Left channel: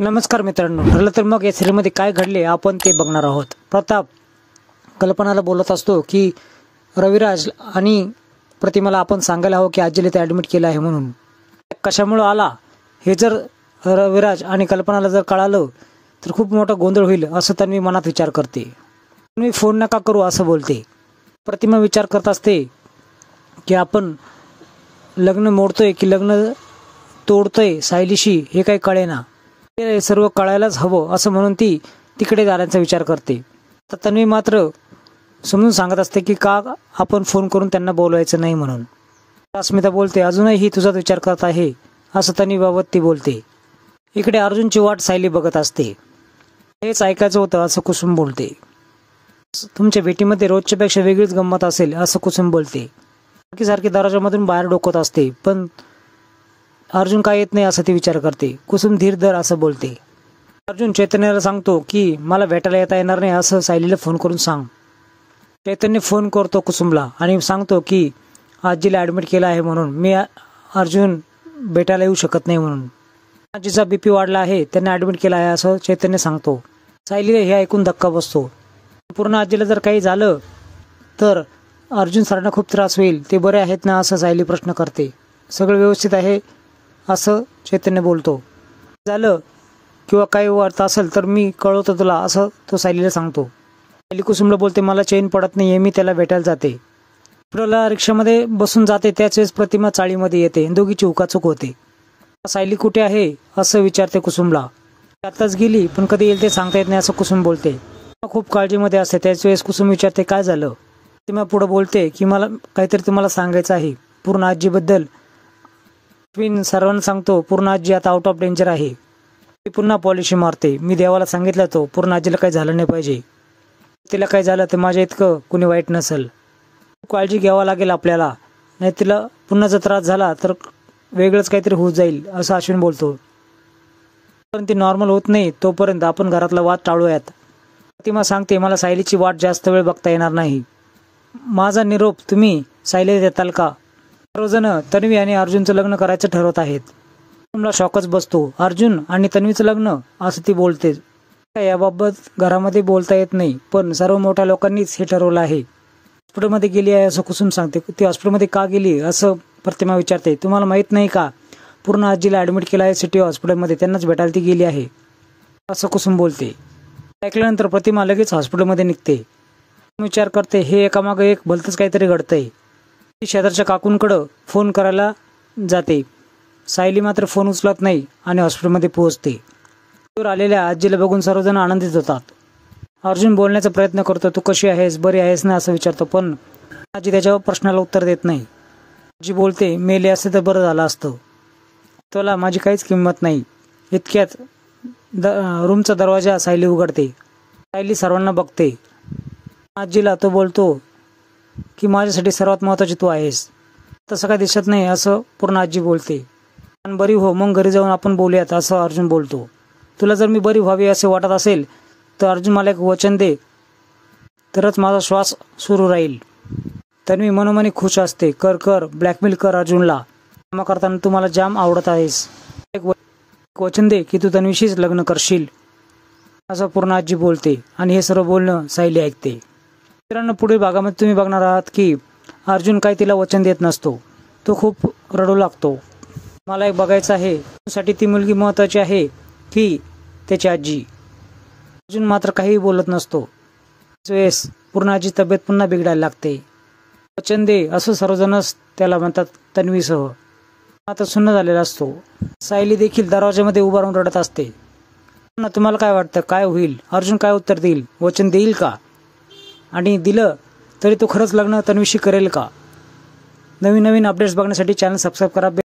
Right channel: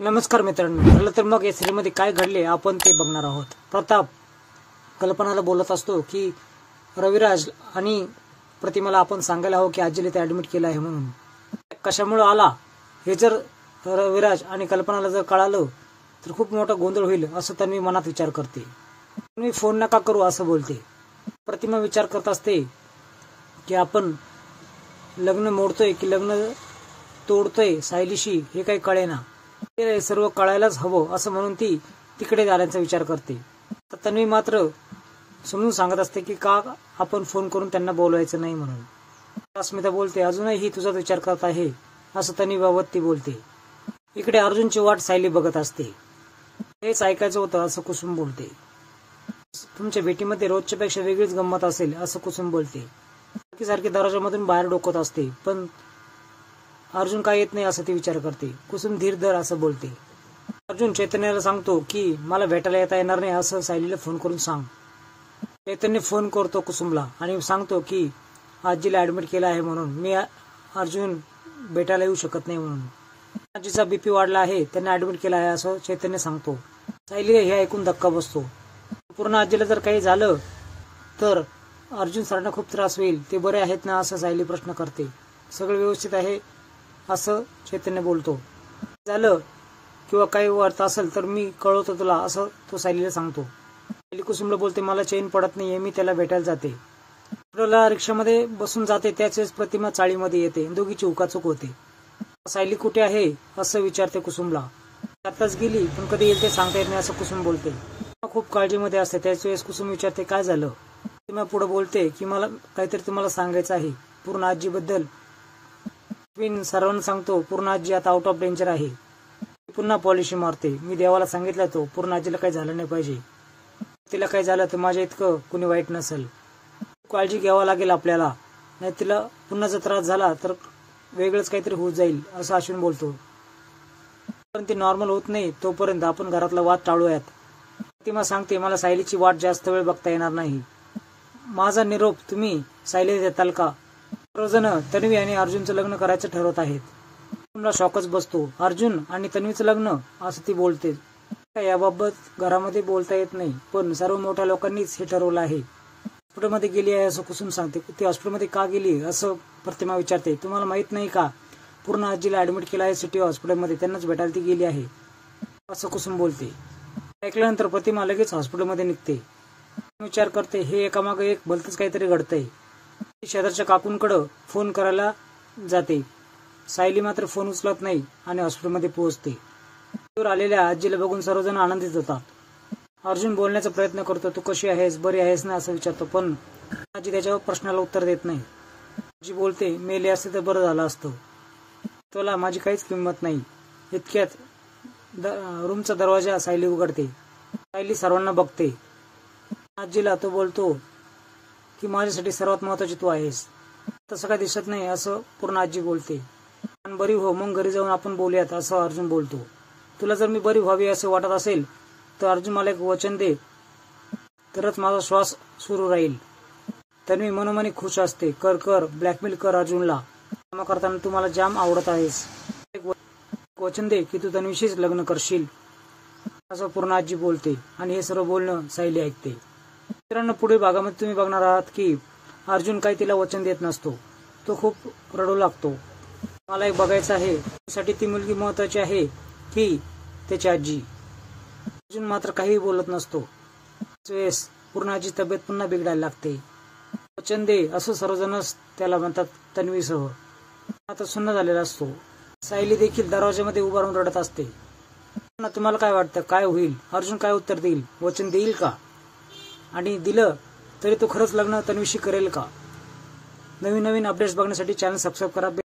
नमस्कार मित्रांनो, ठरलं तर मग या सिरीजमध्ये काय घडले आपण ते बघणार आहोत. प्रताप कल्पनाला बोलत असतो की रविराज आणि प्रतिमाला आपण सांगायला हवं की आजीला ते ॲडमिट केलं आहे म्हणून. कशामुळे आला हे जर रविराज आणि कल्पनाला जर कळालं तर खूप मोठा गोंधळ होईल असं त्यांनी मनात विचार करते. मी फोन नका करू असं बोलते. प्रतिमा विचार करत असते की आपण लग्न मोडतोय की लग्न तोडतोय सायलीशी हे काही कळेना. हे सर्व कळायलाच हवं असं म्हणून ती तिकडे जाण्याचा विचार करते. तर तन्वी मात्र समजून सांगत असते की का आपण फोन करून त्यांना बोलवायचं नाही म्हणून. अस्मिता बोलते अजूनही तुझाच विचार करत आहे असं तन्वीबाबत ती बोलते. इकडे अर्जुनची वाट सायली बघत असते. हेच ऐकायचं होतं असं कुसुम बोलते. तुमच्या भेटीमध्ये रोजच्या पेक्षा वेगळीच गंमत असेल असं कुसुम बोलते. सारखी दरवाजामधून बाहेर डोकत असते पण अर्जुन काय येत नाही असं ती विचार करते. कुसुम धीर धर असं बोलते. अर्जुन चैतन्याला सांगतो की मला भेटायला येता येणार नाही असं सायलीला फोन करून सांग. चैतन्य फोन करतो कुसुमला आणि सांगतो की आजीला ॲडमिट केलं आहे म्हणून मी अर्जुन भेटायला येऊ शकत नाही म्हणून. आजीचा बीपी वाढला आहे, त्यांना ॲडमिट केलं आहे असं चैतन्य सांगतो. सायलीला हे ऐकून धक्का बसतो. पूर्ण आजीला जर काही झालं तर अर्जुन सरांना खूप त्रास होईल. ते बरे आहेत ना असं सायली प्रश्न करते. सगळं व्यवस्थित आहे असं चैतन्य बोलतो. झालं किंवा काही वाटतं असेल तर मी कळवतो तुला असं तो सायलीला सांगतो. सायली कुसुमला बोलते मला चैन पडत नाहीये, मी त्याला भेटायला जाते. पुढला रिक्षामध्ये बसून जाते त्याच वेळेस प्रतिमा चाळीमध्ये येते. दोघीची उकाचूक होते. सायली कुठे आहे असं विचारते कुसुमला. आताच गेली पण कधी येईल ते सांगता येत नाही असं कुसुम बोलते. खूप काळजीमध्ये असते. त्याच वेळेस कुसुम विचारते काय झालं. प्रतिमा पुढे बोलते की मला काहीतरी तुम्हाला सांगायचं आहे पूर्ण आजीबद्दल. मी सर्वांना सांगतो पूर्ण आजी आता आउट ऑफ डेंजर आहे. ती पुन्हा पॉलिशी मारते. मी देवाला सांगितलं तो पूर्ण आजीला काही झालं नाही पाहिजे. तिला काही झालं तर माझ्या इतकं कुणी वाईट नसेल. काळजी घ्यावा लागेल आपल्याला, नाही तिला पुन्हा जर त्रास झाला तर वेगळंच काहीतरी होत जाईल असं अश्विन बोलतो. पण ती नॉर्मल होत नाही तोपर्यंत आपण घरातला वाद टाळूयात. प्रतिमा सांगते मला सायलीची वाट जास्त वेळ बघता येणार नाही. माझा निरोप तुम्ही सायलीला देताल का. सर्वजण तन्वी आणि अर्जुनचं लग्न करायचं ठरवत आहेत. मला शॉकच बसतो. अर्जुन आणि तन्वीचं लग्न असं ती बोलते. याबाबत घरामध्ये बोलता येत नाही पण सर्व मोठ्या लोकांनीच हे ठरवलं आहे. हॉस्पिटलमध्ये गेली आहे असं कुसुम सांगते. ती हॉस्पिटलमध्ये का गेली असं प्रतिमा विचारते. तुम्हाला माहित नाही का पूर्ण आजीला ॲडमिट केलं आहे सिटी हॉस्पिटलमध्ये, त्यांनाच भेटायला ती गेली आहे असं कुसुम बोलते. ऐकल्यानंतर प्रतिमा लगेच हॉस्पिटलमध्ये निघते. विचार करते हे एकामागे एक भलतंच काहीतरी घडतंय. ती शेजारच्या काकूंकडं फोन करायला जाते. सायली मात्र फोन उचलत नाही आणि हॉस्पिटलमध्ये पोहोचते. दूर आलेल्या आजीला बघून सर्वजण आनंदित होतात. अर्जुन बोलण्याचा प्रयत्न करतो. तू कशी आहेस, बरी आहेस ना असं विचारतो पण आजी त्याच्या प्रश्नाला उत्तर देत नाही. आजी बोलते मेले असते तर बरं झालं असतं. तुला माझी काहीच किंमत नाही. इतक्यात रूमचा दरवाजा सायली उघडते. सायली सर्वांना बघते. आजीला तो बोलतो की माझ्यासाठी सर्वात महत्वाची तू आहेस. तसं काही दिसत नाही असं पूर्ण आजी बोलते. पण बरी हो मग घरी जाऊन आपण बोलूयात असं अर्जुन बोलतो. तुला जर मी बरी व्हावी असे वाटत असेल तर अर्जुन मला एक वचन दे तरच माझा श्वास सुरू राहील. तन्वी मनोमनी खुश असते. कर कर ब्लॅकमेल कर अर्जुनला. काम करताना तू मला जाम आवडत आहेस. एक वचन दे की तू तन्वीशीच लग्न करशील असं पूर्ण आजी बोलते आणि हे सर्व बोलणं सायली ऐकते. मित्रांनो पुढील भागामध्ये तुम्ही बघणार आहात की अर्जुन काही तिला वचन देत नसतो. तो खूप रडू लागतो. मला एक बघायचं आहे साठी ती मुलगी महत्वाची आहे की त्याची आजी. अर्जुन मात्र काहीही बोलत नसतो. वेळेस पूर्ण आजी तब्येत पुन्हा बिघडायला लागते. वचन दे असं सर्वजणच त्याला म्हणतात तन्वीसह. आता सुन्न झालेला असतो. सायली देखील दरवाजामध्ये उभा राहून रडत असते. तुम्हाला काय वाटतं काय होईल. अर्जुन काय उत्तर देईल. वचन देईल का आणि दिलं तरी तो खरंच लग्न तन्वीशी करेल का. नवीन अपडेट्स बघण्यासाठी चॅनल सबस्क्राईब करा.